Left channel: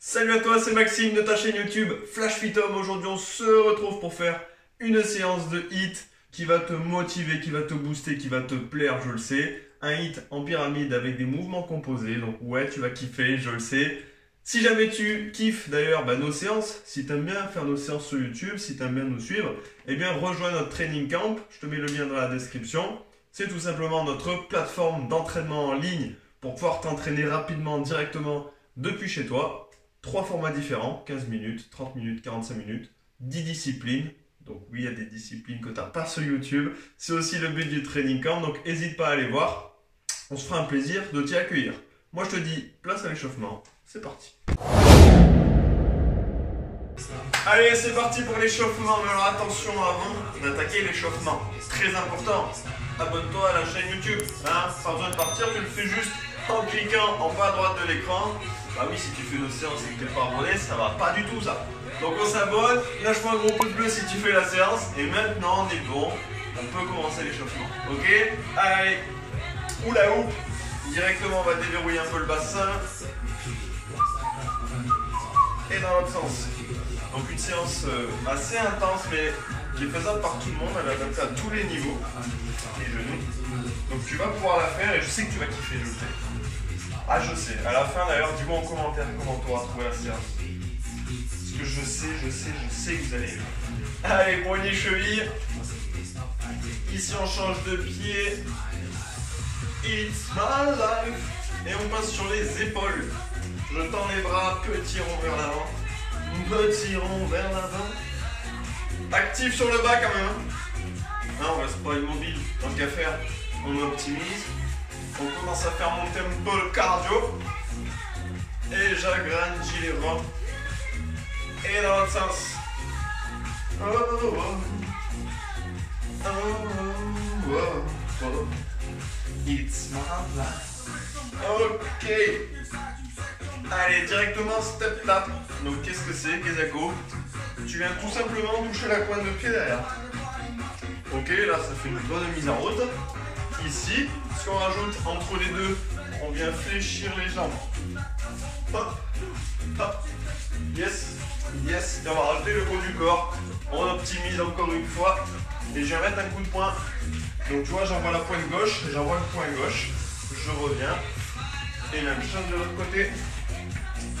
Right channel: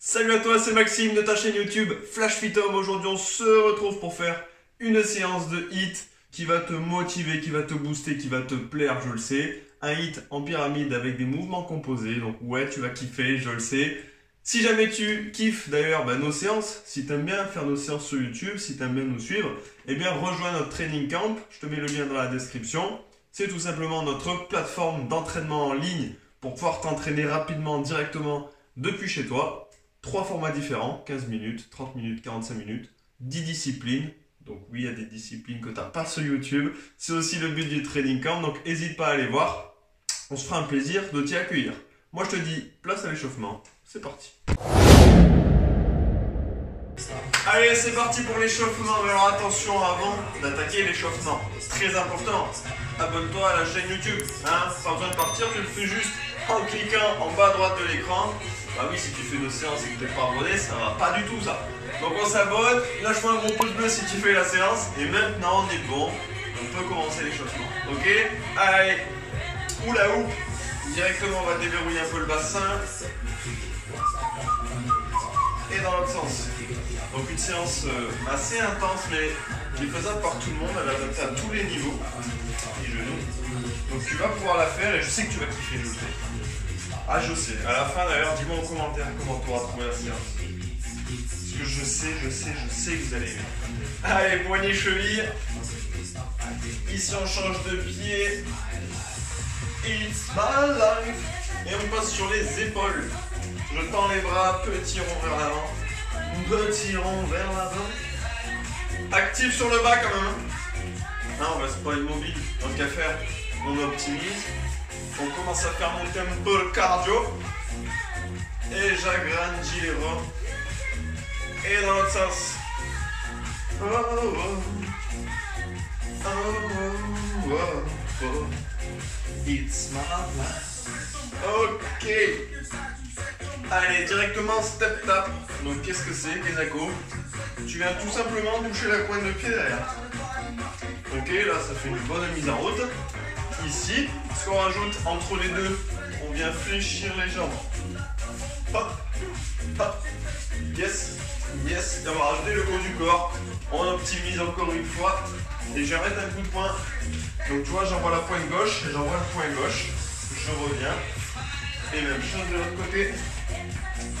Salut à toi, c'est Maxime de ta chaîne YouTube Flash Fit Home. Aujourd'hui, on se retrouve pour faire une séance de HIIT qui va te motiver, qui va te booster, qui va te plaire, je le sais. Un HIIT en pyramide avec des mouvements composés. Donc ouais, tu vas kiffer, je le sais. Si jamais tu kiffes d'ailleurs nos séances, si tu aimes bien faire nos séances sur YouTube, si tu aimes bien nous suivre, eh bien rejoins notre training camp. Je te mets le lien dans la description. C'est tout simplement notre plateforme d'entraînement en ligne pour pouvoir t'entraîner rapidement, directement depuis chez toi. 3 formats différents, 15 minutes, 30 minutes, 45 minutes, 10 disciplines. Donc oui, il y a des disciplines que tu n'as pas sur YouTube. C'est aussi le but du training camp, donc n'hésite pas à aller voir. On se fera un plaisir de t'y accueillir. Moi je te dis, place à l'échauffement. C'est parti. Allez, c'est parti pour l'échauffement. Mais alors attention, avant d'attaquer l'échauffement, très important, abonne-toi à la chaîne YouTube. Pas besoin de partir, tu le fais juste en cliquant en bas à droite de l'écran. Bah oui, si tu fais une séance et que tu n'es pas abonné, ça va pas du tout ça. Donc on s'abonne, lâche-moi un gros pouce bleu si tu fais la séance. Et maintenant on est bon, on peut commencer l'échauffement. Ok? Allez, oula ou. Directement on va déverrouiller un peu le bassin. Et dans l'autre sens. Donc une séance assez intense mais qui est faisable par tout le monde, elle est adaptée à tous les niveaux. Les genoux. Donc tu vas pouvoir la faire et je sais que tu vas kiffer, je le sais. Ah je sais, à la fin d'ailleurs dis-moi en commentaire comment tu auras trouvé la séance. Parce que je sais que vous allez aimer. Allez, poignets, chevilles. Ici on change de pied. It's my life. Et on passe sur les épaules. Je tends les bras, petit rond vers l'avant. Petit rond vers l'avant. Actif sur le bas quand même. Non, on reste pas immobile. Tant qu'à faire, on optimise. On commence à faire monter un peu le cardio. Et j'agrandis les reins. Et dans l'autre sens. Oh, oh, oh. Oh, oh, oh. It's my life. Ok. Allez, directement step tap. Donc qu'est-ce que c'est, Kezako? Tu viens tout simplement toucher la pointe de pied derrière. Ok, là ça fait une bonne mise en route. Ici, ce qu'on rajoute entre les deux, on vient fléchir les jambes. Hop, hop, yes, yes. Et on va rajouter le haut du corps. On optimise encore une fois. Et je vais mettre un coup de poing. Donc tu vois, j'envoie la pointe gauche, j'envoie le poing gauche. Je reviens. Et même chose de l'autre côté.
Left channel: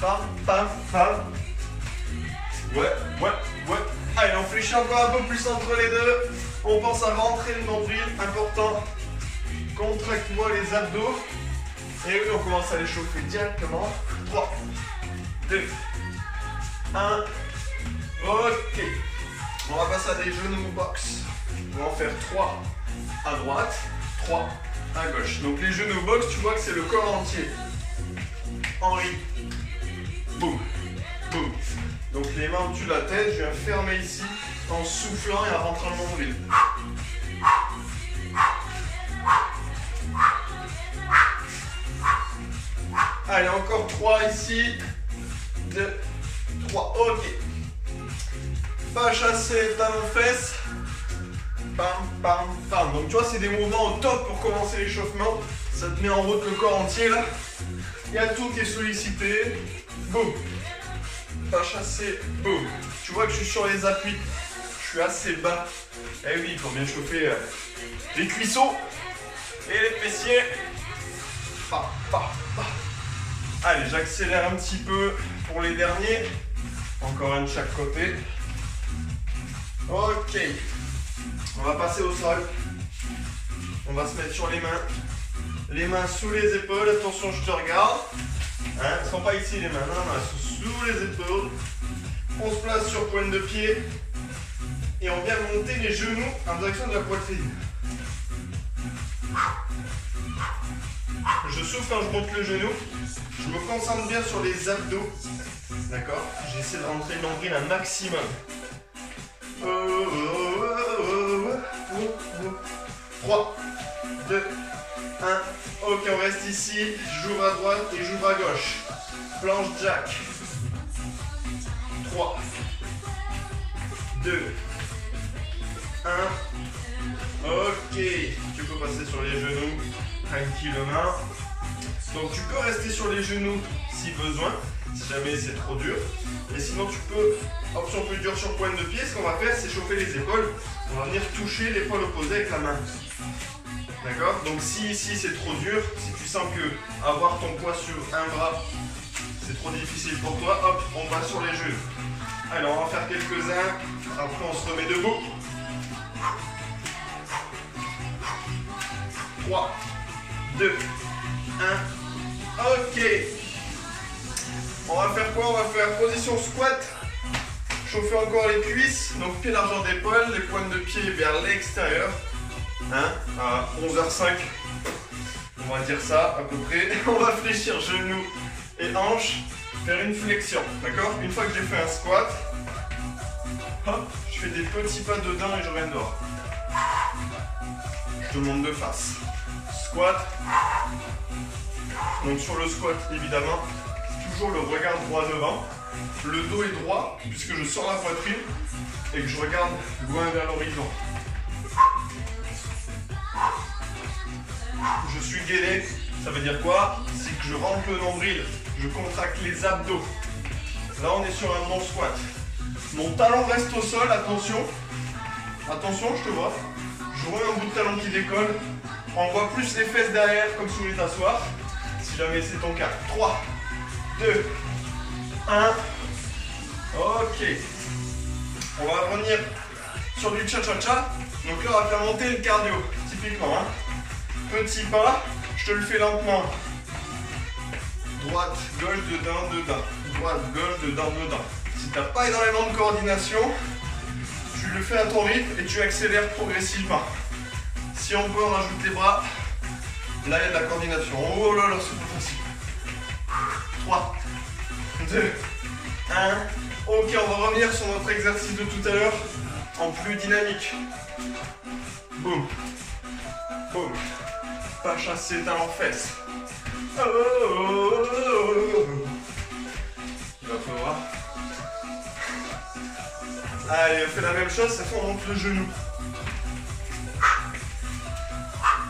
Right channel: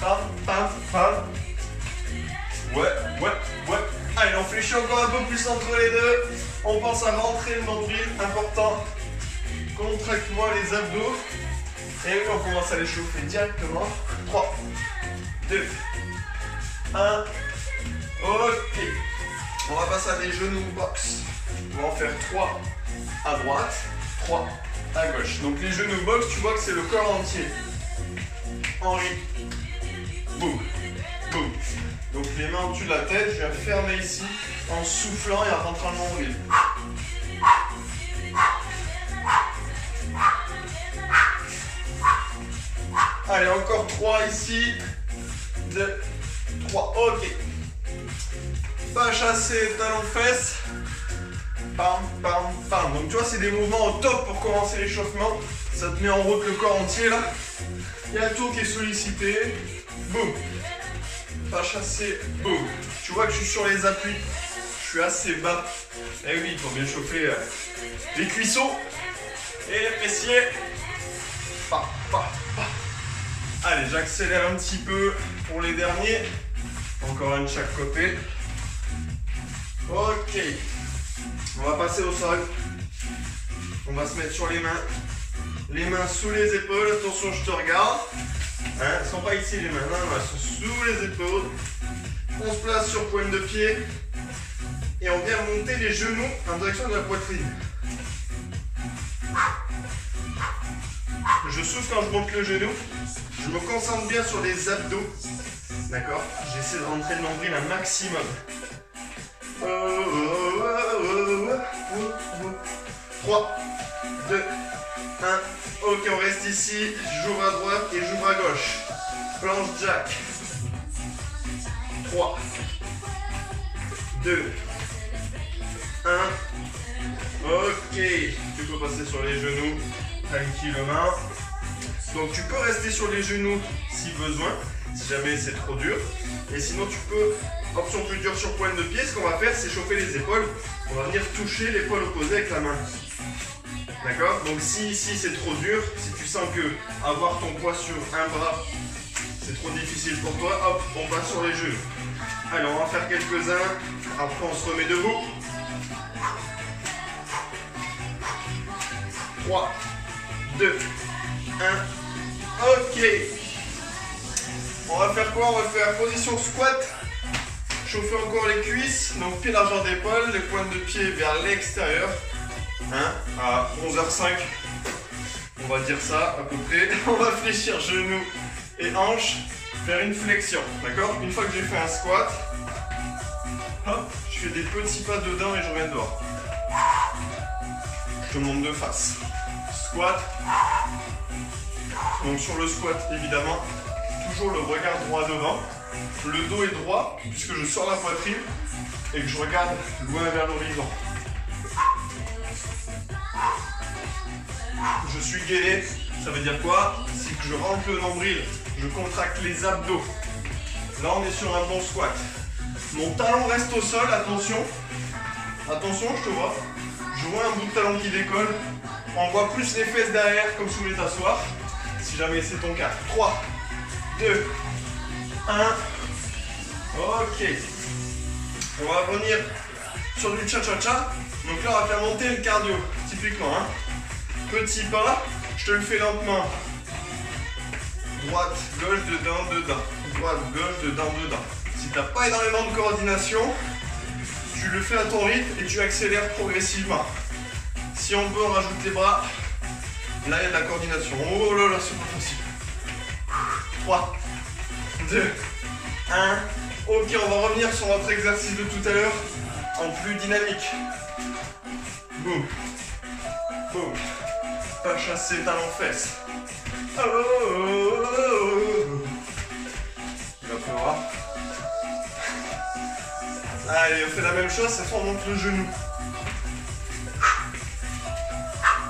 Pam, pam, pam. Ouais. Allez, on fléchit encore un peu plus entre les deux. On pense à rentrer le nombril, important. Contracte-moi les abdos. Et oui, on commence à les chauffer directement. 3, 2, 1. Ok. On va passer à des genoux box. On va en faire 3 à droite, 3 à gauche. Donc les genoux box, tu vois que c'est le corps entier. Henri. Boum. Boum. Donc les mains au-dessus de la tête, je viens fermer ici en soufflant et en rentrant le nombril. Allez, encore 3 ici. 2, 3. Ok. Pas chasser, talon fesses. Pam, pam, pam. Donc tu vois, c'est des mouvements au top pour commencer l'échauffement. Ça te met en route le corps entier là. Il y a tout qui est sollicité. Boum. Pas chasser. Boum. Tu vois que je suis sur les appuis. Je suis assez bas. Eh oui, pour bien chauffer les cuissons et les fessiers. Pa, pa, pa. Allez, j'accélère un petit peu pour les derniers. Encore un de chaque côté. Ok. On va passer au sol. On va se mettre sur les mains. Les mains sous les épaules. Attention, je te regarde. Elles ne sont pas ici les mains. Non, elles sont sous les épaules. On se place sur pointe de pied. Et on vient monter les genoux en direction de la poitrine. Je souffle quand je monte le genou. Je me concentre bien sur les abdos. D'accord? J'essaie de rentrer le nombril un maximum. 3, 2, 1. Ok, on reste ici. J'ouvre à droite et j'ouvre à gauche. Planche jack. 3, 2, 1. Ok. Tu peux passer sur les genoux tranquillement. Donc tu peux rester sur les genoux si besoin. si jamais c'est trop dur. Et sinon tu peux, option plus dure sur pointe de pied, ce qu'on va faire c'est chauffer les épaules. On va venir toucher l'épaule opposée avec la main. D'accord? Donc si ici c'est trop dur, si tu sens que avoir ton poids sur un bras c'est trop difficile pour toi, hop, on passe sur les genoux. Alors on va faire quelques-uns, après on se remet debout. 3, 2, 1, ok. On va faire quoi? On va faire position squat. Chauffer encore les cuisses, donc pied largeur d'épaule, les pointes de pied vers l'extérieur. Hein, à 11h05, on va dire ça à peu près. On va fléchir genoux et hanches, faire une flexion, d'accord? Une fois que j'ai fait un squat, hop, je fais des petits pas dedans et je reviens dehors. Je te montre de face. Squat. Donc sur le squat, évidemment, toujours le regard droit devant. Le dos est droit puisque je sors la poitrine et que je regarde loin vers l'horizon. Je suis gainé, ça veut dire quoi? C'est que je rentre le nombril, je contracte les abdos. Là on est sur un bon squat. Mon talon reste au sol, attention. Attention, je te vois. Je vois un bout de talon qui décolle. On voit plus les fesses derrière comme si vous voulez t'asseoir. Si jamais c'est ton cas. 3, 2, 1. Ok. On va revenir sur du cha-cha-cha. Donc là on va faire monter le cardio, typiquement. Hein. Petit pas, je te le fais lentement. Droite, gauche, dedans, dedans. Droite, gauche, dedans, dedans. Si tu n'as pas énormément de coordination, tu le fais à ton rythme et tu accélères progressivement. Si on peut, on rajoute les bras. Là, il y a de la coordination. Oh là là, c'est pas facile. 3, 2, 1. Ok, on va revenir sur notre exercice de tout à l'heure en plus dynamique. Boum. Boum. Pas chasser, talon fesses. Oh, oh, oh, oh. Il va pleuvoir. Allez, on fait la même chose, cette fois on monte le genou.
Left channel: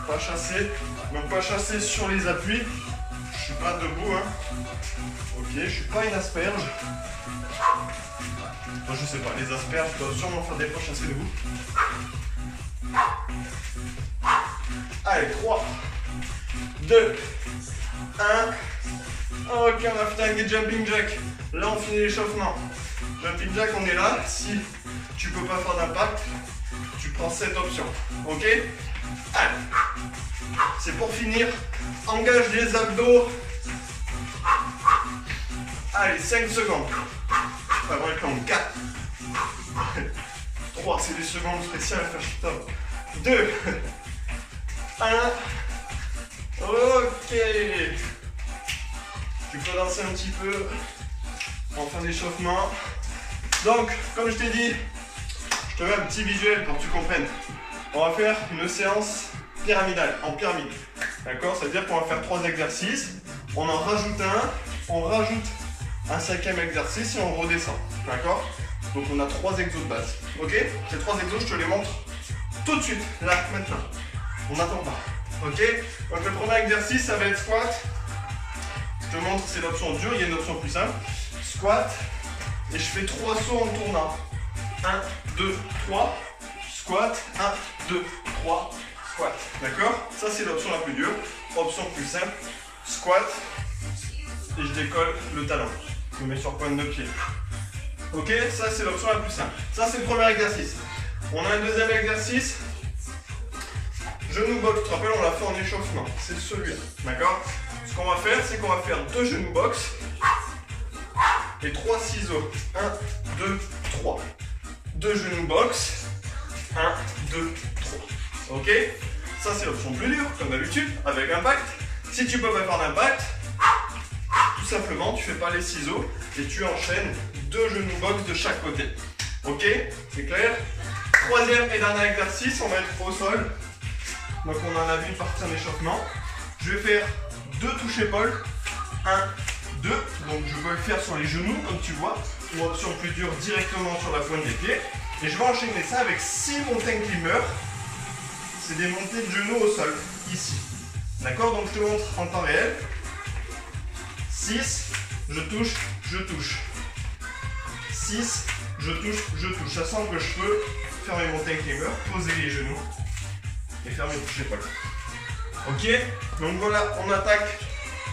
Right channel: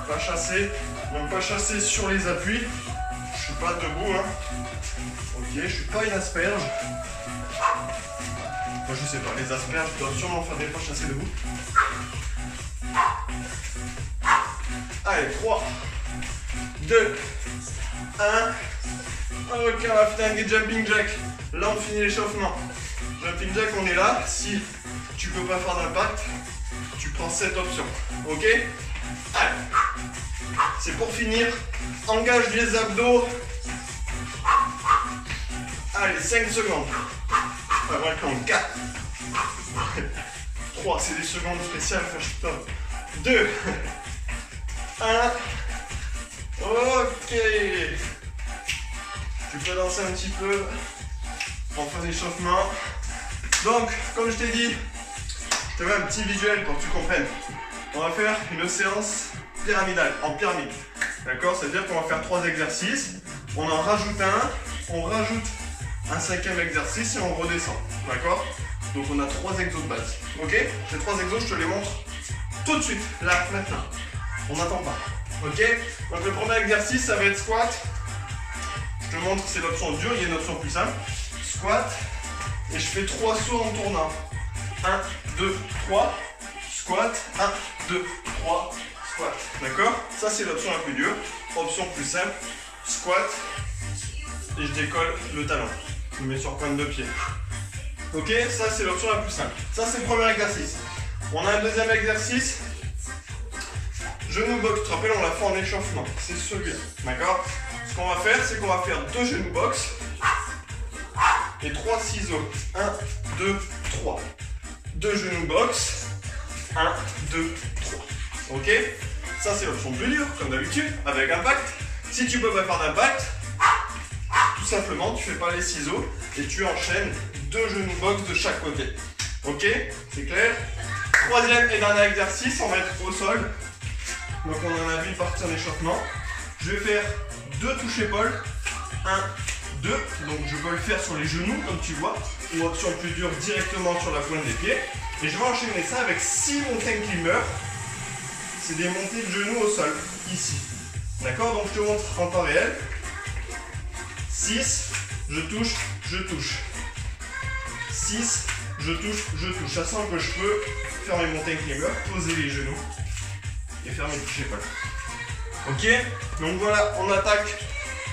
Pas chasser, donc pas chasser sur les appuis. Je suis pas debout, hein. Ok, je suis pas une asperge. Moi je sais pas, les asperges doivent sûrement faire des fois chasser debout. Allez, 3, 2, 1. Ok, on va finir avec des jumping jacks. Là, on finit l'échauffement. Jumping jack, on est là. Si tu peux pas faire d'impact, tu prends cette option. Ok? Allez. C'est pour finir. Engage les abdos. Allez, 5 secondes. Pas vrai que 4. 3, c'est des secondes spéciales. 2. 1. Ok. Tu peux danser un petit peu en fin d'échauffement. Donc, comme je t'ai dit, je te mets un petit visuel pour que tu comprennes. On va faire une séance pyramidale, en pyramide. D'accord? Ça veut dire qu'on va faire 3 exercices. On en rajoute un, on rajoute un 5e exercice et on redescend. D'accord? Donc on a 3 exos de base. Ok? Ces 3 exos, je te les montre tout de suite, là, maintenant. On n'attend pas. Ok? Donc le premier exercice, ça va être squat. Je te montre, c'est l'option dure, il y a une option plus simple. Squat. Et je fais 3 sauts en tournant. 1, 2, 3. Squat. 1, 2, 3. Squat. D'accord? Ça, c'est l'option la plus dure. Option plus simple. Squat. Et je décolle le talon. Je me mets sur pointe de pied. Ok? Ça, c'est l'option la plus simple. Ça, c'est le premier exercice. On a un deuxième exercice. Genou box, tu te rappelles, on l'a fait en échauffement. C'est celui-là. D'accord? Ce qu'on va faire, c'est qu'on va faire 2 genoux box et 3 ciseaux. 1, 2, 3. 2 genoux box. 1, 2, 3. Ok? Ça, c'est l'option plus dure, comme d'habitude, avec impact. Si tu peux pas faire d'impact, tout simplement, tu fais pas les ciseaux et tu enchaînes 2 genoux box de chaque côté. Ok? C'est clair? Troisième et dernier exercice, on va être au sol. Donc on en a vu une partie en échauffement. Je vais faire 2 touches épaules. 1, 2. Donc je peux le faire sur les genoux comme tu vois. Ou option plus dure directement sur la pointe des pieds. Et je vais enchaîner ça avec 6 mountain climbers. C'est des montées de genoux au sol. Ici. D'accord? Donc je te montre en temps réel. 6. Je touche, je touche. 6, je touche, je touche. Ça sent que je peux faire mes mountain climbers, poser les genoux et faire mes touches épaules. Ok, donc voilà, on attaque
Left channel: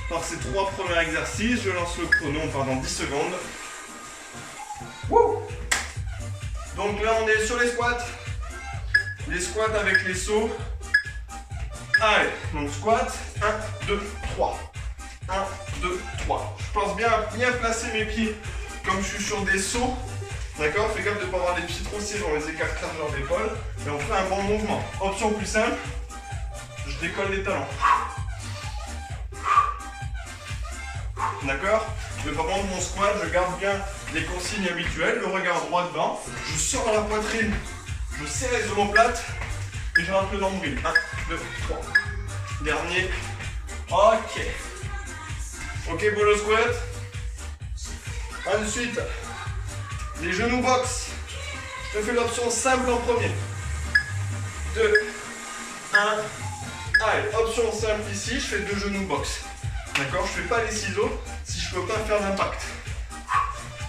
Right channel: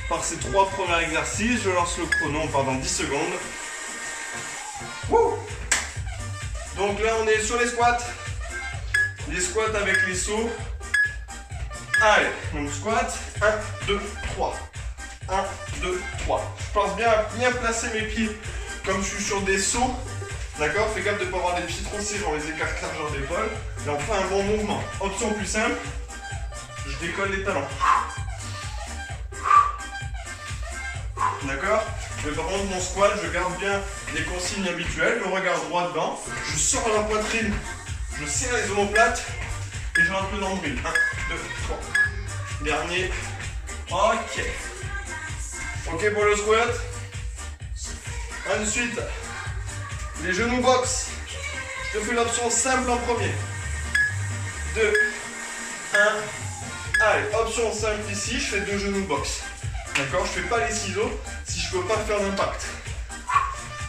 par ces 3 premiers exercices. Je lance le chrono, on part dans 10 secondes. Wouh! Donc là, on est sur les squats. Les squats avec les sauts. Allez, donc squat, 1, 2, 3. 1, 2, 3. Je pense bien à bien placer mes pieds comme je suis sur des sauts. D'accord? Fais gaffe de ne pas avoir les pieds trop serrés, on les écarte largeur d'épaule. Et on fait un bon mouvement. Option plus simple, je décolle les talons. D'accord? Mais par contre, mon squat, je garde bien les consignes habituelles. Le regard droit devant. Je sors la poitrine. Je serre les omoplates. Et je rentre le nombril. 1, 2, 3. Dernier. Ok. Ok pour le squat. Ensuite, les genoux box. Je te fais l'option simple en premier. 2, 1. Allez, option simple ici. Je fais 2 genoux box. D'accord, je ne fais pas les ciseaux si je ne peux pas faire d'impact.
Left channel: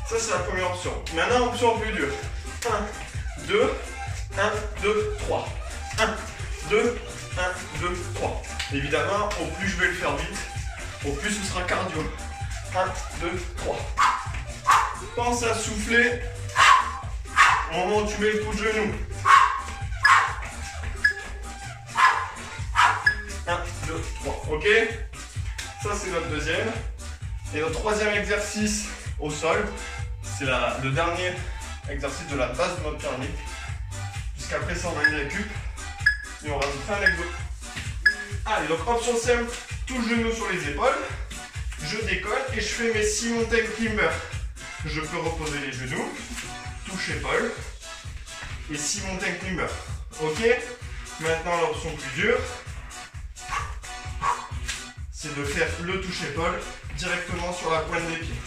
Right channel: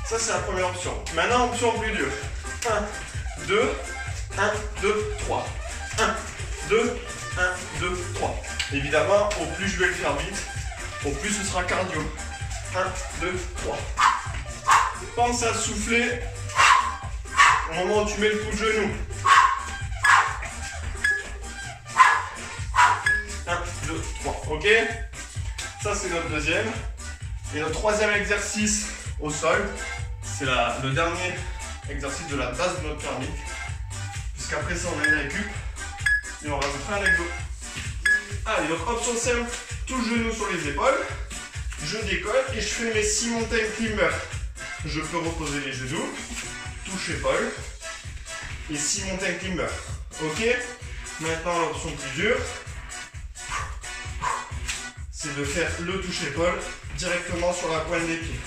Ça, c'est la première option. Maintenant, option plus dure. 1, 2, 1, 2, 3. 1, 2, 1, 2, 3. Évidemment, au plus je vais le faire vite, au plus ce sera cardio. 1, 2, 3. Pense à souffler au moment où tu mets le coup de genou. 1, 2, 3. Ok? Ça, c'est notre deuxième. Et notre troisième exercice au sol, c'est le dernier exercice de la base de notre pyramide. Puisqu'après ça, on a une récup. Et on rajoutera un exo. Allez, donc option simple, tout le genou sur les épaules. Je décolle et je fais mes 6 mountain climbers. Je peux reposer les genoux, touche épaule et 6 mountain climbers. Ok? Maintenant, l'option plus dure, c'est de faire le touche-épaule directement sur la pointe des pieds.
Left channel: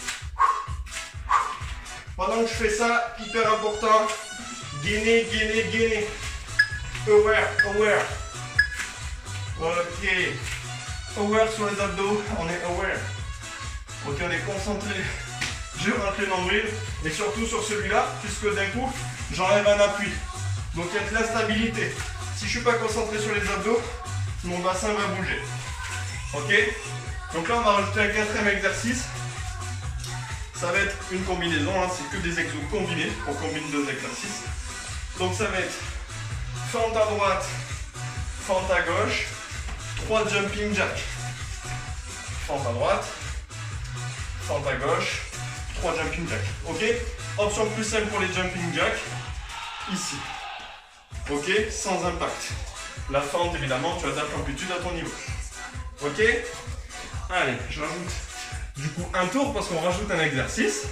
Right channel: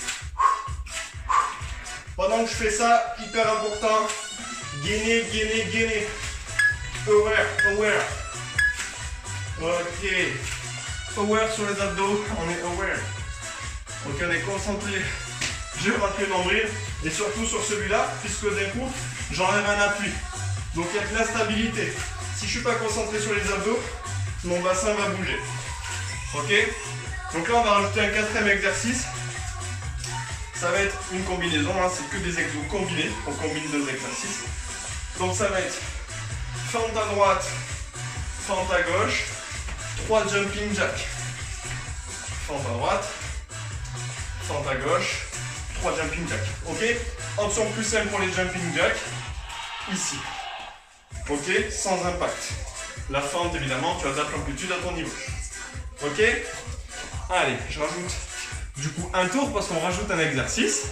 Pendant que je fais ça, hyper important, gainer, gainer, gainer. Aware, aware. Ok. Aware sur les abdos, on est aware. Ok, on est concentré. Je rentre le nombril et surtout sur celui-là, puisque d'un coup, j'enlève un appui. Donc il y a de l'instabilité. Si je ne suis pas concentré sur les abdos, mon bassin va bouger. Ok? Donc là, on va rajouter un 4e exercice. Ça va être une combinaison, hein, c'est que des exos combinés. On combine 2 exercices. Donc ça va être fente à droite, fente à gauche, 3 jumping jacks. Fente à droite, fente à gauche, 3 jumping jacks. Ok? Option plus simple pour les jumping jacks, ici. Ok? Sans impact. La fente, évidemment, tu adaptes l'amplitude à ton niveau. Ok? Allez, je rajoute du coup un tour parce qu'on rajoute un exercice.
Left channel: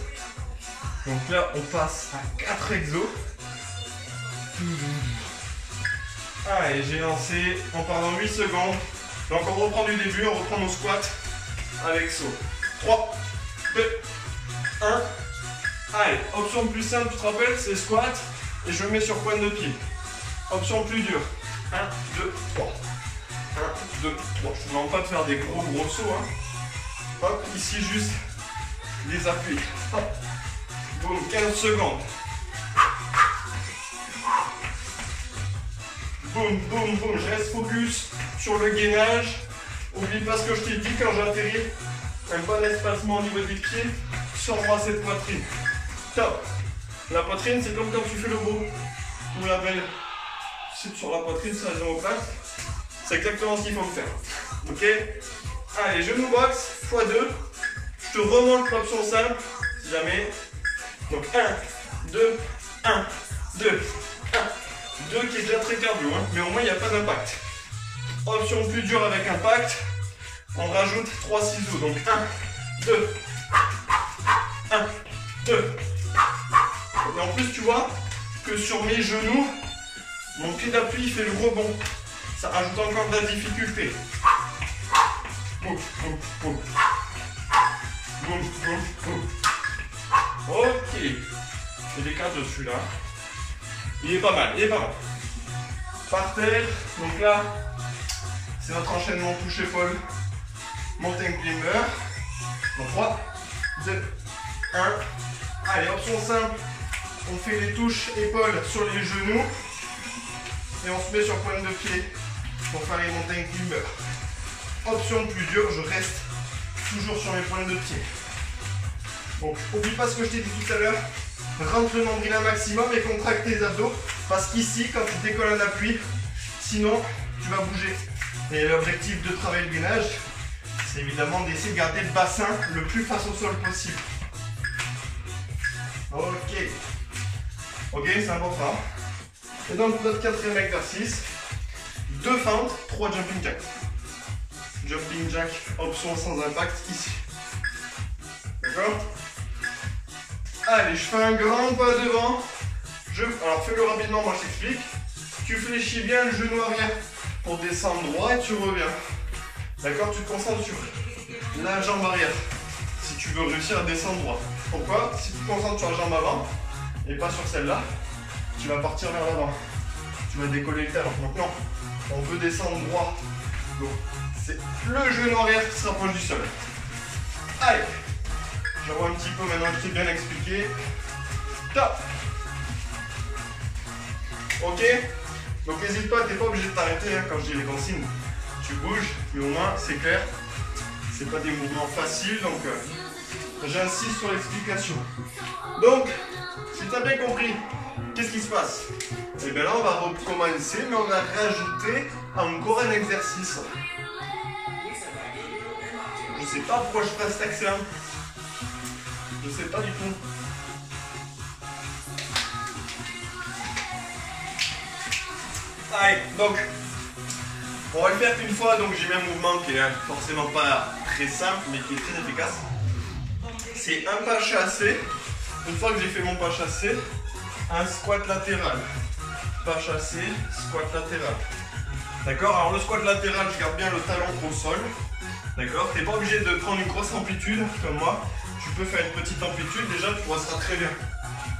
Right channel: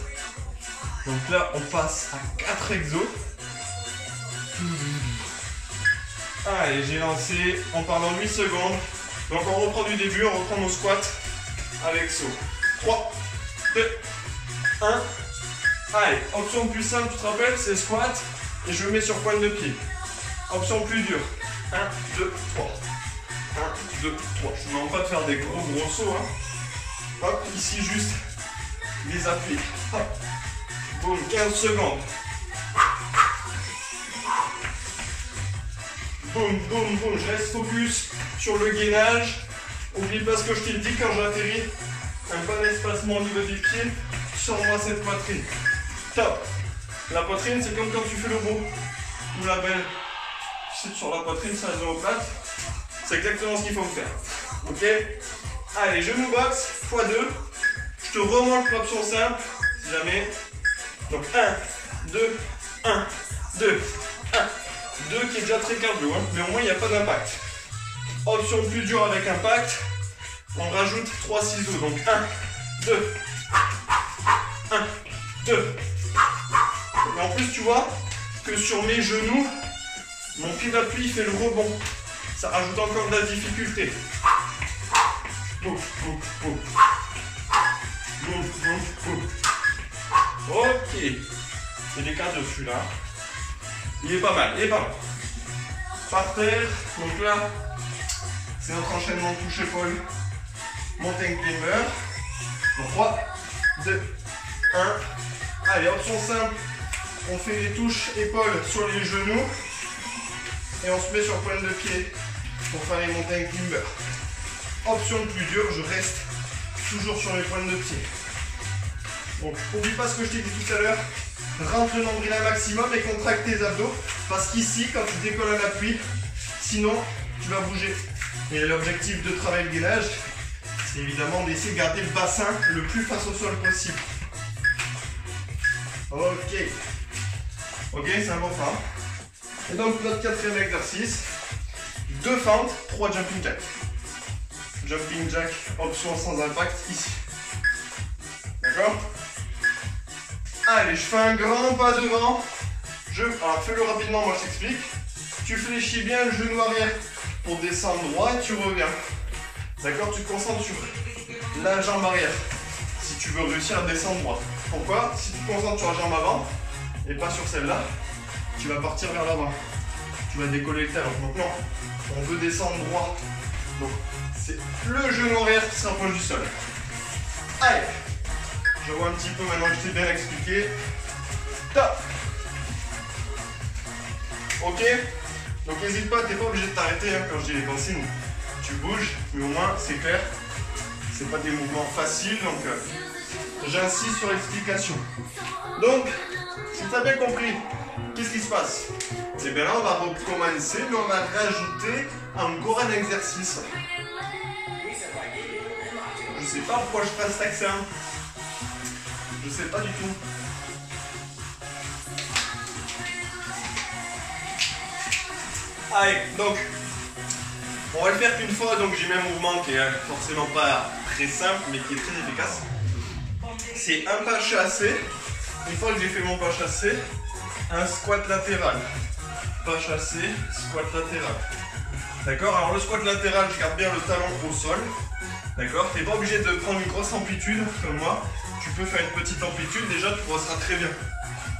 Donc là, on passe à 4 exos. Allez, j'ai lancé. On part dans 8 secondes. Donc on reprend du début, on reprend nos squats avec saut. 3, 2, 1. Allez, option plus simple, tu te rappelles, c'est squat. Et je me mets sur pointe de pied. Option plus dure. 1, 2, 3. 1, 2, 3. Je ne demande pas de faire des gros sauts. Hein. Hop, ici juste les appuis. Hop. Boum, 15 secondes. Boum, boum, boum. Je reste focus sur le gainage. Oublie pas ce que je t'ai dit quand j'atterris. Un bon espacement au niveau des pieds. Sors-moi cette poitrine. Top. La poitrine, c'est comme quand tu fais le beau. Ou la belle. C'est sur la poitrine, ça les omoplates. C'est exactement ce qu'il faut faire. Ok? Allez, genou box, x2. Je te remonte l'option simple, si jamais. Donc 1, 2, 1, 2, 1, 2 qui est déjà très cardio, hein, mais au moins il n'y a pas d'impact. Option plus dure avec impact, on rajoute 3 ciseaux. Donc 1, 2, 1, 2. Et en plus, tu vois que sur mes genoux, mon pied d'appui fait le rebond. Ça rajoute encore de la difficulté. Boum, boum, boum. Boum, boum, boum. Ok. J'ai des cartes dessus là. Il est pas mal, il est pas mal. Par terre. Donc là, c'est notre enchaînement touche-épaule. Mountain climber. Donc 3, 2, 1. Allez, option simple. On fait des touches épaules sur les genoux. Et on se met sur pointe de pied pour faire les montagnes climber. Option plus dure, je reste toujours sur mes pointes de pied. Donc, n'oublie pas ce que je t'ai dit tout à l'heure. Rentre le nombril un maximum et contracte tes abdos. Parce qu'ici, quand tu décolles à l'appui, sinon, tu vas bouger. Et l'objectif de travailler le gainage, c'est évidemment d'essayer de garder le bassin le plus face au sol possible. Ok. Ok, c'est important. Et donc, notre quatrième exercice, 2 fentes, 3 jumping jacks. Jumping jack, option sans impact, ici. D'accord? Allez, je fais un grand pas devant. Alors, fais-le rapidement, moi je t'explique. Tu fléchis bien le genou arrière pour descendre droit et tu reviens. D'accord? Tu te concentres sur la jambe arrière si tu veux réussir à descendre droit. Pourquoi? Si tu te concentres sur la jambe avant et pas sur celle-là, tu vas partir vers l'avant. Tu vas décoller le talon. Donc non, on veut descendre droit. Donc c'est le genou arrière qui se rapproche du sol. Allez, je vois un petit peu maintenant que je t'ai bien expliqué. Top. Ok. Donc n'hésite pas, t'es pas obligé de t'arrêter hein, quand je dis les consignes. Tu bouges, mais au moins c'est clair. C'est pas des mouvements faciles, donc j'insiste sur l'explication. Donc, si tu as bien compris, qu'est-ce qui se passe? Et bien là, on va recommencer, mais on va rajouter encore un exercice. Je sais pas pourquoi je ferai cet accent. Je sais pas du tout. Allez, donc, on va le faire qu'une fois, donc j'ai mis un mouvement qui est forcément pas très simple, mais qui est très efficace. C'est un pas chassé. Une fois que j'ai fait mon pas chassé, un squat latéral. Pas chassé, squat latéral. D'accord? Alors le squat latéral, je garde bien le talon au sol. D'accord? Tu n'es pas obligé de prendre une grosse amplitude comme moi. Tu peux faire une petite amplitude, déjà tu progresseras très bien.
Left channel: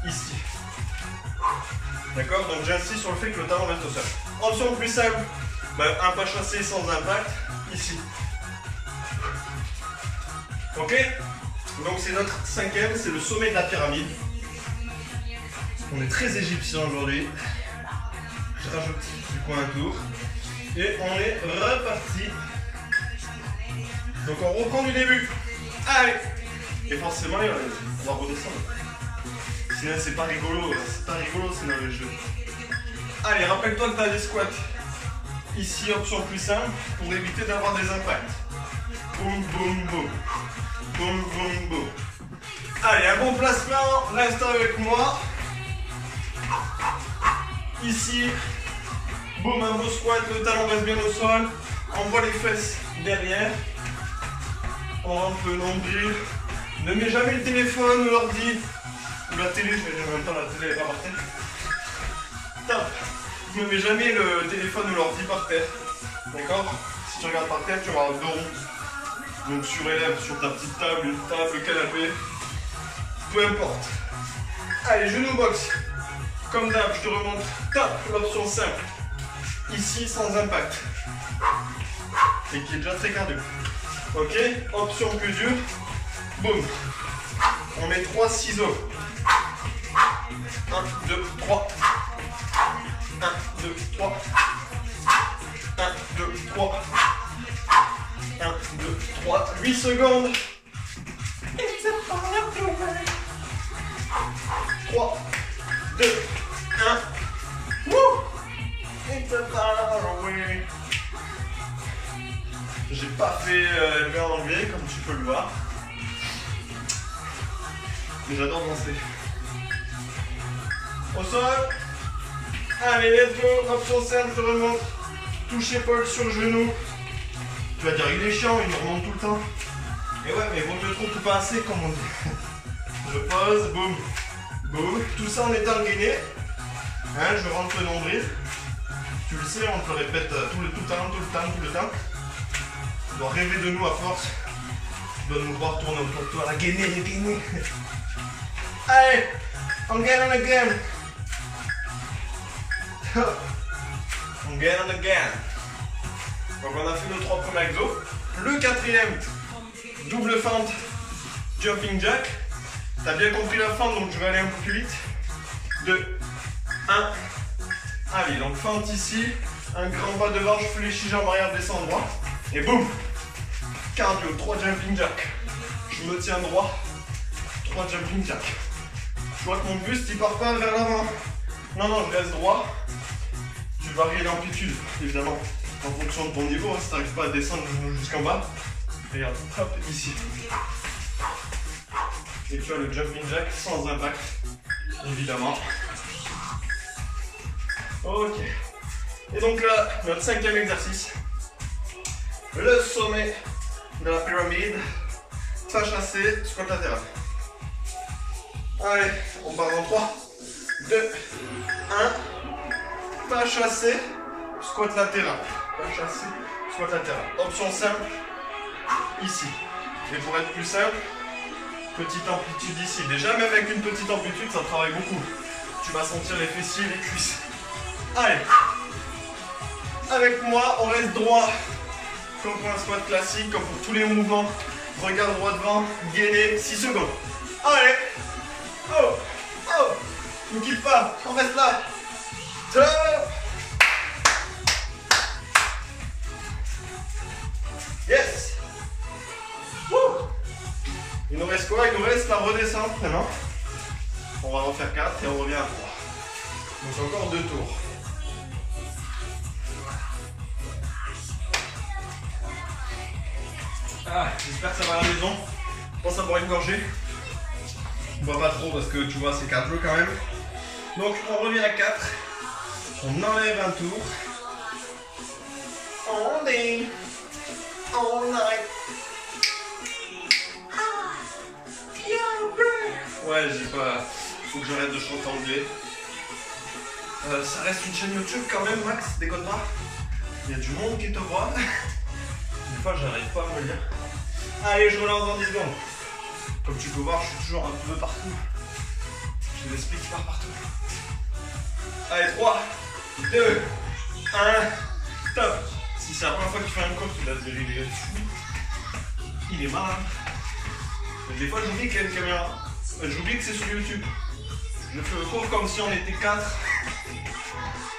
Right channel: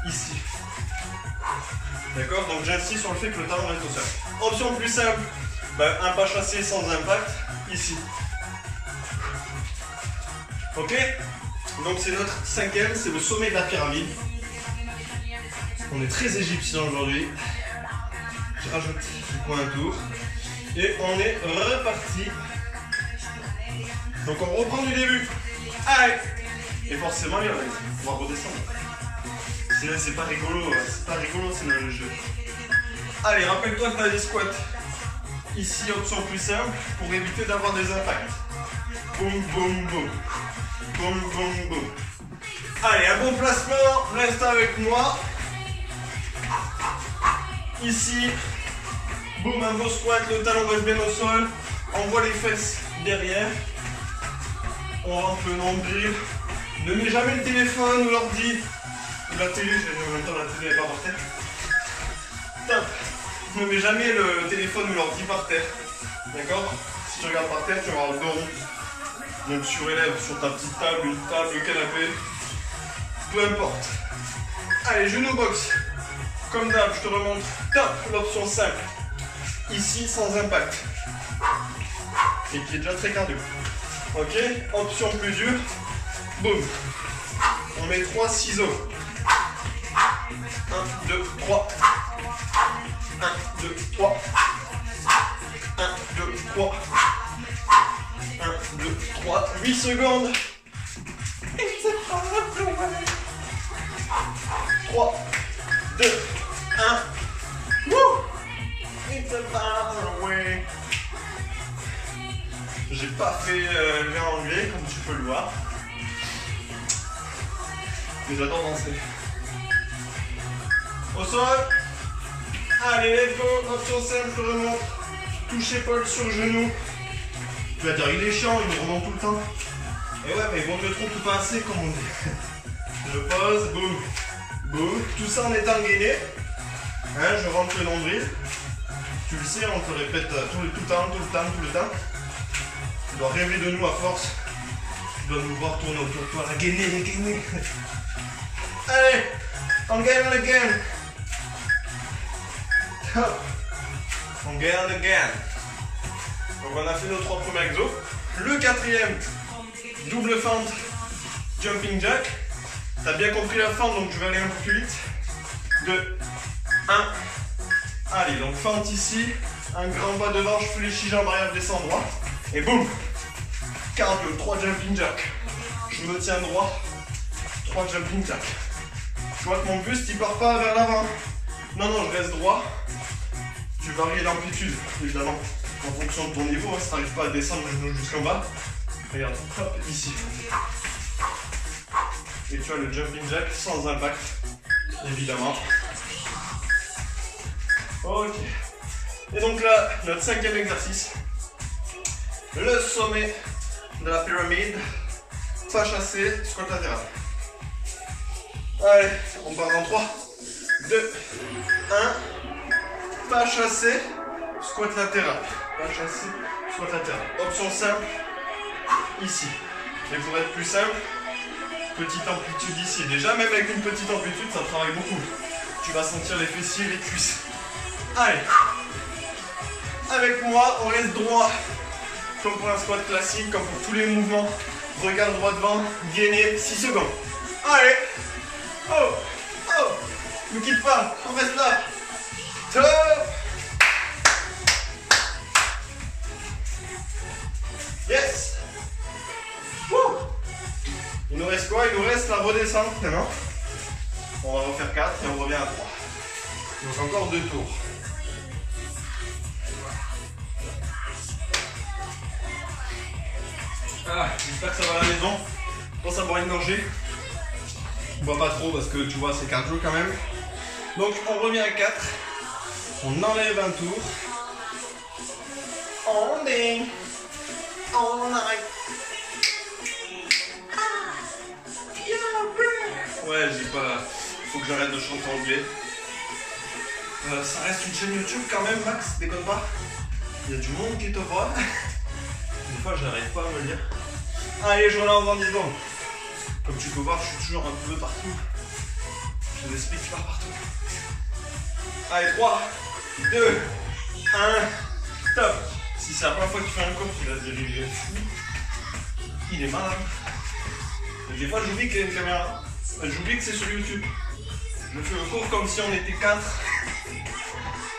Ici. D'accord? Donc j'insiste sur le fait que le talon reste au sol. Option plus simple, un pas chassé sans impact, ici. Ok? Donc c'est notre cinquième, c'est le sommet de la pyramide. On est très égyptien aujourd'hui. Je rajoute du coup un tour. Et on est reparti. Donc on reprend du début. Allez! Et forcément, on va redescendre. Sinon c'est pas rigolo sinon le jeu. Allez, rappelle-toi que tu as des squats. Ici, option plus simple, pour éviter d'avoir des impacts. Boum, boum, boum. Boum, boum, boum. Allez, un bon placement, reste avec moi. Ici, boum, un beau squat, le talon reste bien au sol. On voit les fesses derrière. On rentre le nombril. Ne mets jamais le téléphone ou l'ordi. Ou la télé, en même temps la télé n'est pas par terre. Top. Ne mets jamais le téléphone ou l'ordi par terre. D'accord? Si tu regardes par terre, tu vas avoir le dos rond. Donc surélève sur ta petite table, une table, canapé. Peu importe. Allez, genou box. Comme d'hab, je te remonte. Top, l'option simple. Ici, sans impact. Et qui est déjà très cardio. Ok, option plus dure. Boum. On met 3 ciseaux. 1, 2, 3. 1, 2, 3. 1, 2, 3. 1, 2, 3. 8 secondes. 3, 2, 1. Woo! It's a far away. J'ai pas fait le verre anglais comme tu peux le voir. Mais j'adore danser. Au sol. Allez, let's go. Option simple, je remonte. Touche épaule sur genou. Tu vas dire, il est chiant, il me remonte tout le temps. Et ouais, mais bon, je trouve pas assez, comme on dit. Je pose, boum, boum. Tout ça en étant gainé. Hein, je rentre le nombril. Tu le sais, on te le répète tout le temps. Tu dois rêver de nous à force. Tu dois nous voir tourner autour de toi. La gainer. Allez, on again. On again. Donc on a fait nos 3 premiers exos. Le quatrième, double fente, jumping jack. T'as bien compris la fente, donc je vais aller un peu plus vite. 2, 1. Allez, donc fente ici. Un grand bas devant, je fléchis, jambe arrière, descends droit. Et boum. Cardio, 3 jumping jacks. Je me tiens droit. 3 jumping jacks. Je vois que mon buste, il part pas vers l'avant. Non, non, je reste droit. Tu varies l'amplitude, évidemment, en fonction de ton niveau. Si tu n'arrives pas à descendre le genou jusqu'en bas, regarde, hop, ici. Et tu as le jumping jack sans impact, évidemment. Ok. Et donc là, notre 5e exercice. Le sommet de la pyramide. Pas chassé, squat latéral. Allez, on part dans 3, 2, 1. Pas chassé, squat latéral. Pas chassé, squat latéral. Option simple, ici. Mais pour être plus simple, petite amplitude ici. Déjà, même avec une petite amplitude, ça travaille beaucoup. Tu vas sentir les fessiers, les cuisses. Allez. Avec moi, on reste droit. Comme pour un squat classique, comme pour tous les mouvements. Regarde droit devant, gainé, 6 secondes. Allez. Oh, oh. Ne quitte pas, on reste là. Top. Yes. Woo. Il nous reste quoi? Il nous reste la redescente maintenant. On va refaire 4 et on revient à 3. Donc encore 2 tours. Ah, j'espère que ça va à la maison. Je pense à boire une gorgée. Je bois pas trop parce que tu vois c'est cardio quand même. Donc on revient à 4. On enlève un tour. On ding. All night. Ouais, j'ai pas. Faut que j'arrête de chanter anglais. Ça reste une chaîne YouTube quand même, Max, déconne pas. Il y a du monde qui te voit. Des fois, j'arrive pas à me le dire. Allez, je relance dans 10 secondes. Comme tu peux voir, je suis toujours un peu partout. J'ai l'esprit qui part partout. Allez, 3, 2, 1, top. Si c'est la première fois que tu fais un cours, tu vas te dire il est fou. Il est malade. Des fois, j'oublie qu'il y a une caméra. J'oublie que c'est sur YouTube. Je fais le cours comme si on était 4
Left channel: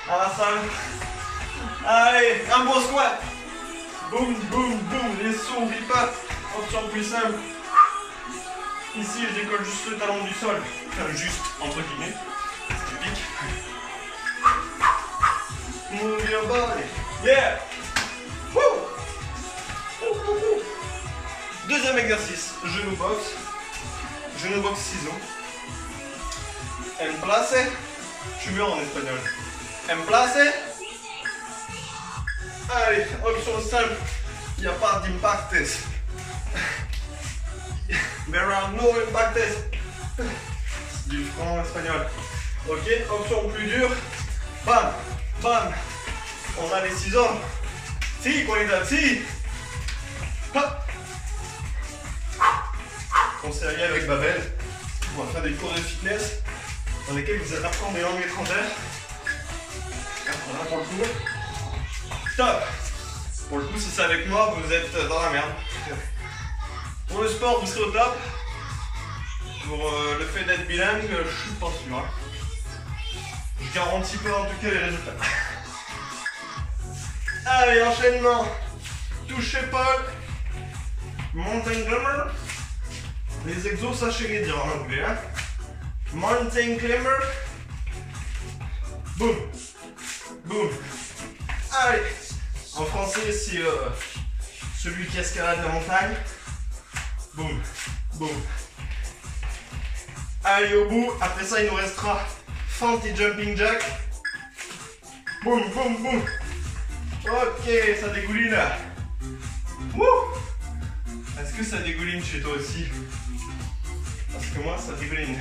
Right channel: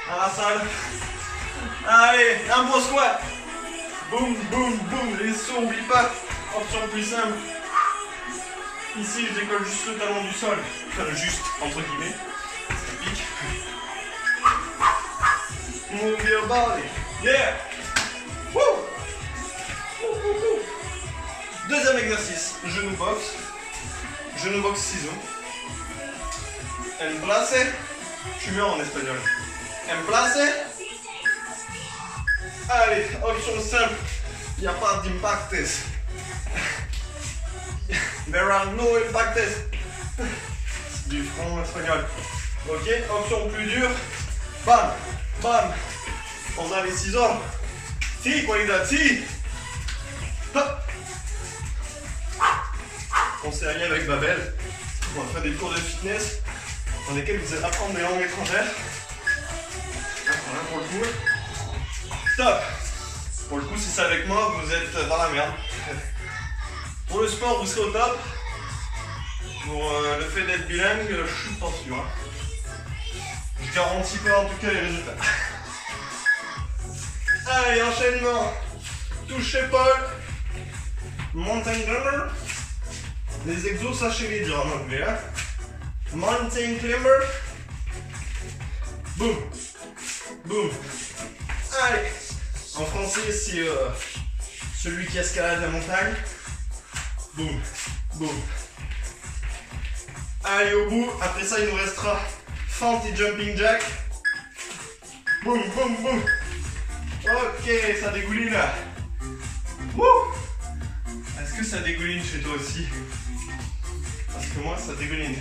à la salle. Allez, un bon squat. Boum, boum, boum. Les sauts, oublie pas. Option plus simple. Ici, je décolle juste le talon du sol. Enfin, juste, entre guillemets. C'est pique. Move your body. Yeah. Woo. Deuxième exercice. Genou box. Genou box ciseaux. Emplace. Je suis mieux en espagnol. Emplace. Allez, option simple. Il n'y a pas d'impactes. There are no impactes. Du franc espagnol. Ok, option plus dure. Bam, bam. On a les ciseaux. Si, qualité, si. Hop. On s'est allié avec Babel. On va faire des cours de fitness dans lesquels vous allez apprendre des langues étrangères. Voilà pour le coup. Top. Pour le coup, si c'est avec moi, vous êtes dans la merde. Pour le sport, vous serez au top. Pour le fait d'être bilingue, je suis pas sûr. Hein. Je garantis pas en tout cas les résultats. Allez, enchaînement. Touche épaule. Mountain climber. Les exos, sachez les dire en anglais. Hein. Mountain climber. Boum. Boum. Allez. En français, c'est celui qui escalade la montagne. Boum. Boum. Allez au bout. Après ça, il nous restera fente et jumping jack. Boum, boum, boum. Ok, ça dégouline là. Wouh. Est-ce que ça dégouline chez toi aussi? Parce que moi, ça dégouline.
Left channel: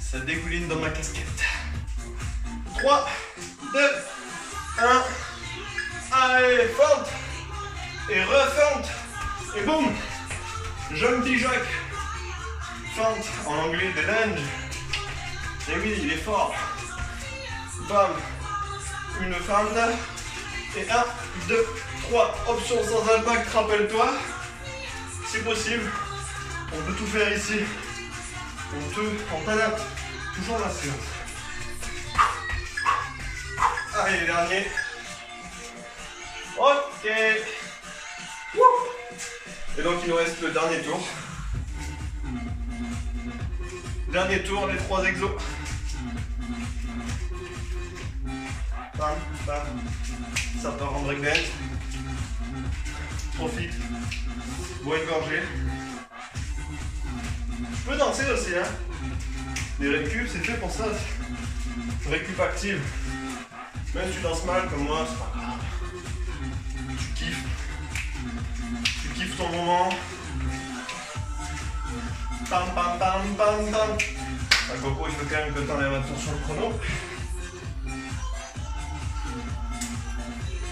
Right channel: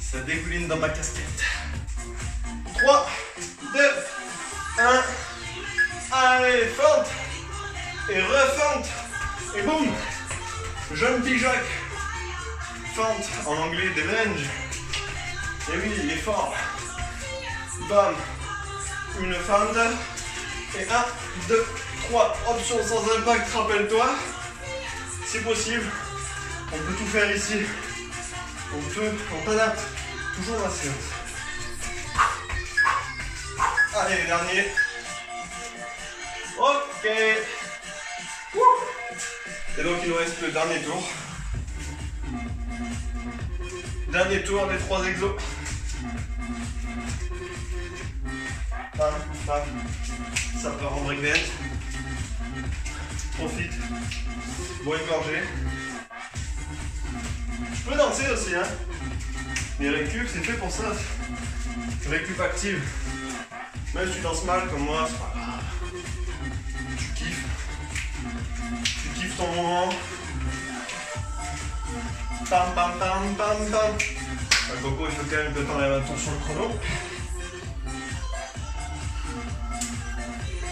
Ça dégouline dans ma casquette. 3, 2, 1. Allez, fente. Et refente. Et boum. Jumping jack. Fente, en anglais, des lunges. Et oui, il est fort. Bam. Une fente. Et 1, 2, 3. Option sans impact, rappelle-toi. C'est possible. On peut tout faire ici. On t'adapte toujours la séance. Allez, dernier. Ok. Et donc il nous reste le dernier tour. Dernier tour des 3 exos. Bam, bam. Ça part en breakdance. Profite. Bois une gorgée. Tu peux danser aussi, hein. Les récup, c'est fait pour ça. Récup active. Même si tu danses mal comme moi, c'est pas grave. Tu kiffes. Tu kiffes ton moment. Pam pam pam pam pam. Bah, Coco, il faut quand même que tu enlèves attention au chrono.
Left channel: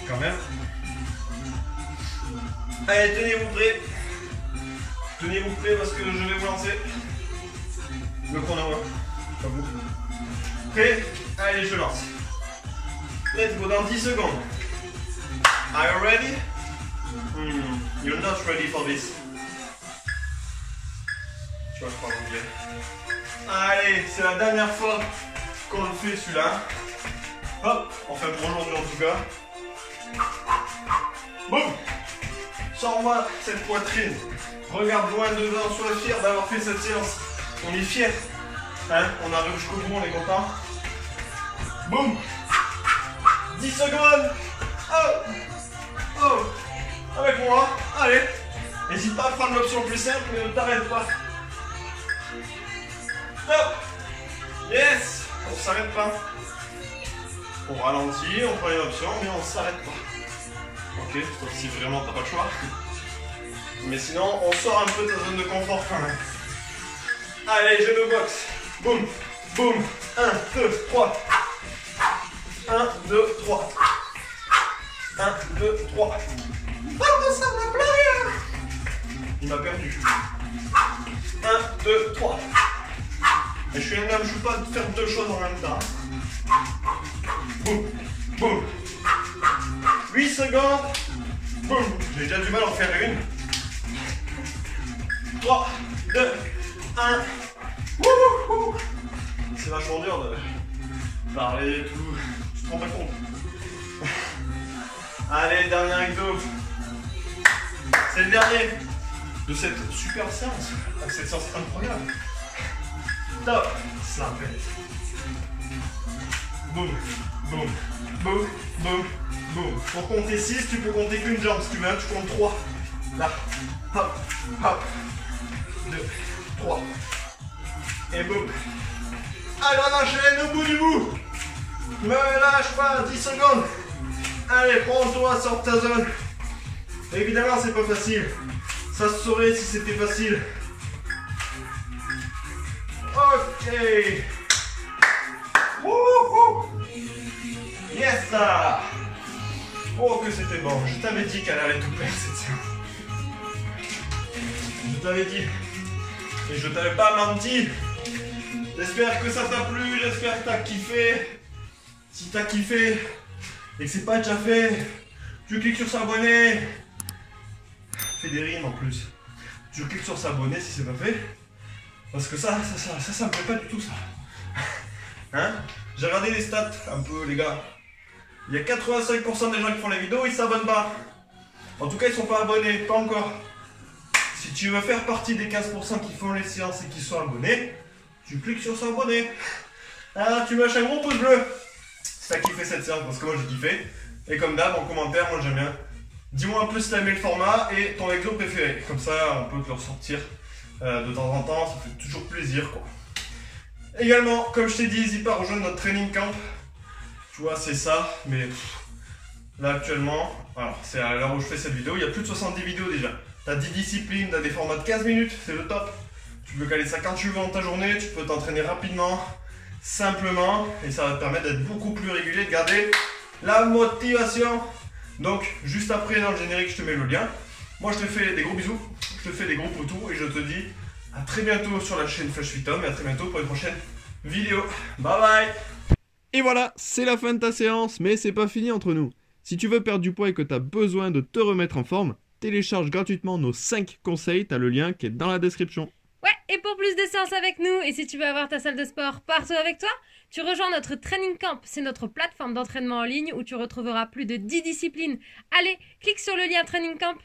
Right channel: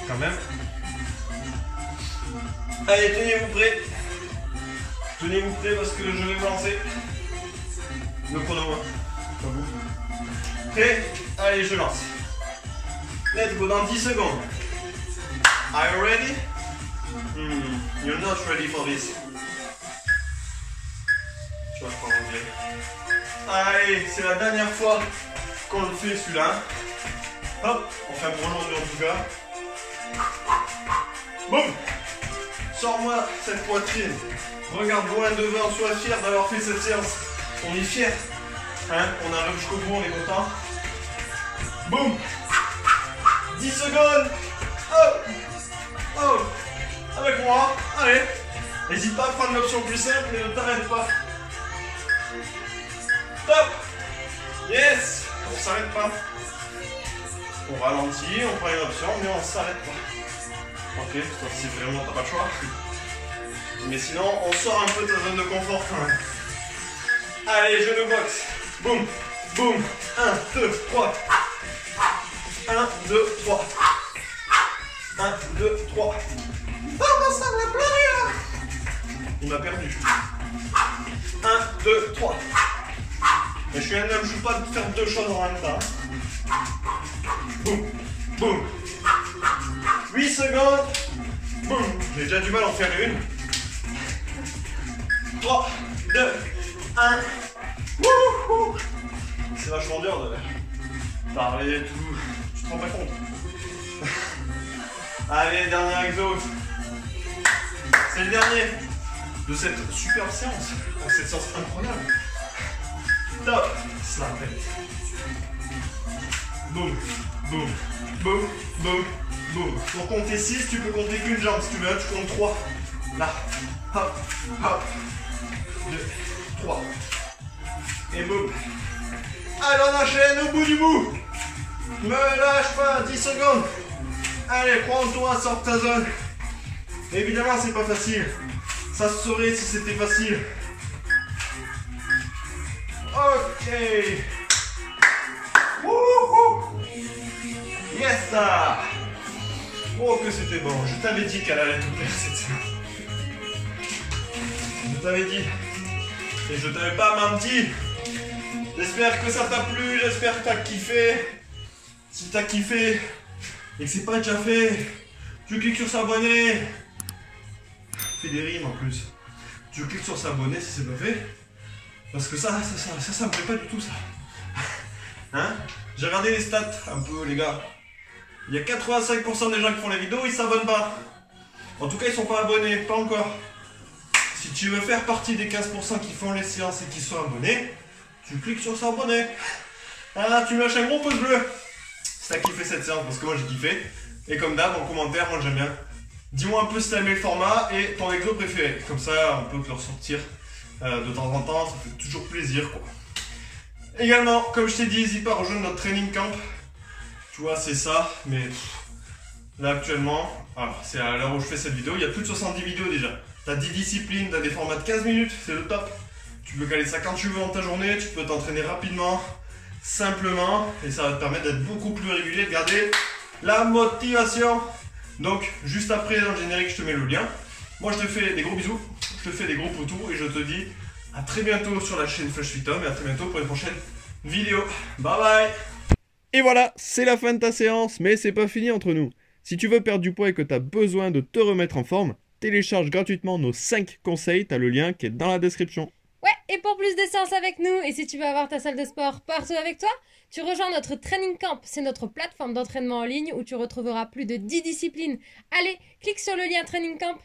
Quand même. Allez, tenez-vous prêts. Tenez-vous prêts parce que je vais vous lancer. Le chrono, hein. Pas vous. Prêt? Allez, je lance. Let's go dans 10 secondes. Are you ready? You're not ready for this. Tu vas prendre anglais. Allez, c'est la dernière fois qu'on le fait celui-là. Hop, enfin pour aujourd'hui en tout cas. Boum. Sors-moi cette poitrine. Regarde loin devant, sois fier d'avoir fait cette séance. On est fier. Hein, on arrive jusqu'au bout, on est content. Boum. 10 secondes. Oh. Oh. Avec moi. Allez. N'hésite pas à prendre l'option plus simple, mais ne t'arrête pas. Stop. Yes. On s'arrête pas. On ralentit, on prend une option, mais on s'arrête pas. Ok, sauf si vraiment t'as pas le choix. Mais sinon, on sort un peu de ta zone de confort quand même. Allez, genou box. Boum, boum. 1, 2, 3. 1, 2, 3. 1, 2, 3. Oh, ça va pleurer. Il m'a perdu. 1, 2, 3. Et je suis un homme, je ne peux pas faire deux choses en même temps. Boum, boum. 8 secondes. Boum. J'ai déjà du mal à en faire une. 3, 2, 1. Wouhou. C'est vachement dur de parler et tout. Tu te rends pas compte. Allez, dernier exo. C'est le dernier de cette superbe séance. Cette séance incroyable. Top. Ça pète. Boum, boum, boum, boum, boum. Pour compter 6, tu peux compter qu'une jambe. Si tu veux, tu comptes 3. Là. Hop, hop. 2, 3. Et boum. Allez, on enchaîne au bout du bout. Me lâche pas, 10 secondes. Allez, crois en toi, sors de ta zone. Évidemment, c'est pas facile. Ça se saurait si c'était facile. Ok. Wouhou. Yes, ça. Oh, que c'était bon. Je t'avais dit qu'elle allait tout faire cette séance. Je t'avais dit. Et je t'avais pas menti. J'espère que ça t'a plu. J'espère que t'as kiffé. Si t'as kiffé et que c'est pas déjà fait, tu cliques sur s'abonner. Fais des rimes en plus. Tu cliques sur s'abonner si c'est pas fait. Parce que ça me plaît pas du tout ça. Hein? J'ai regardé les stats un peu les gars. Il y a 85% des gens qui font les vidéos, ils s'abonnent pas. En tout cas ils sont pas abonnés, pas encore. Si tu veux faire partie des 15% qui font les séances et qui sont abonnés, tu cliques sur s'abonner. Hein, tu me lâches un gros pouce bleu. Si t'as kiffé cette séance, parce que moi j'ai kiffé. Et comme d'hab, en commentaire, moi j'aime bien. Dis-moi un peu si t'as aimé le format et ton exo préféré. Comme ça, on peut te le ressortir de temps en temps. Ça fait toujours plaisir, quoi. Également, comme je t'ai dit, n'hésite pas à rejoindre notre training camp. Tu vois, c'est ça. Mais là, actuellement, alors c'est à l'heure où je fais cette vidéo, il y a plus de 70 vidéos déjà. T'as 10 disciplines, t'as des formats de 15 minutes, c'est le top. Tu peux caler ça quand tu veux dans ta journée. Tu peux t'entraîner rapidement, simplement. Et ça va te permettre d'être beaucoup plus régulier, de garder la motivation. Donc, juste après, dans le générique, je te mets le lien. Moi, je te fais des gros bisous, je te fais des gros poutous et je te dis à très bientôt sur la chaîne Flash Fit Home et à très bientôt pour une prochaine vidéo. Bye bye. Et voilà, c'est la fin de ta séance, mais c'est pas fini entre nous. Si tu veux perdre du poids et que tu as besoin de te remettre en forme, télécharge gratuitement nos 5 conseils, tu as le lien qui est dans la description. Ouais, et pour plus de séances avec nous, et si tu veux avoir ta salle de sport partout avec toi, tu rejoins notre Training Camp. C'est notre plateforme d'entraînement en ligne où tu retrouveras plus de 10 disciplines. Allez, clique sur le lien Training Camp.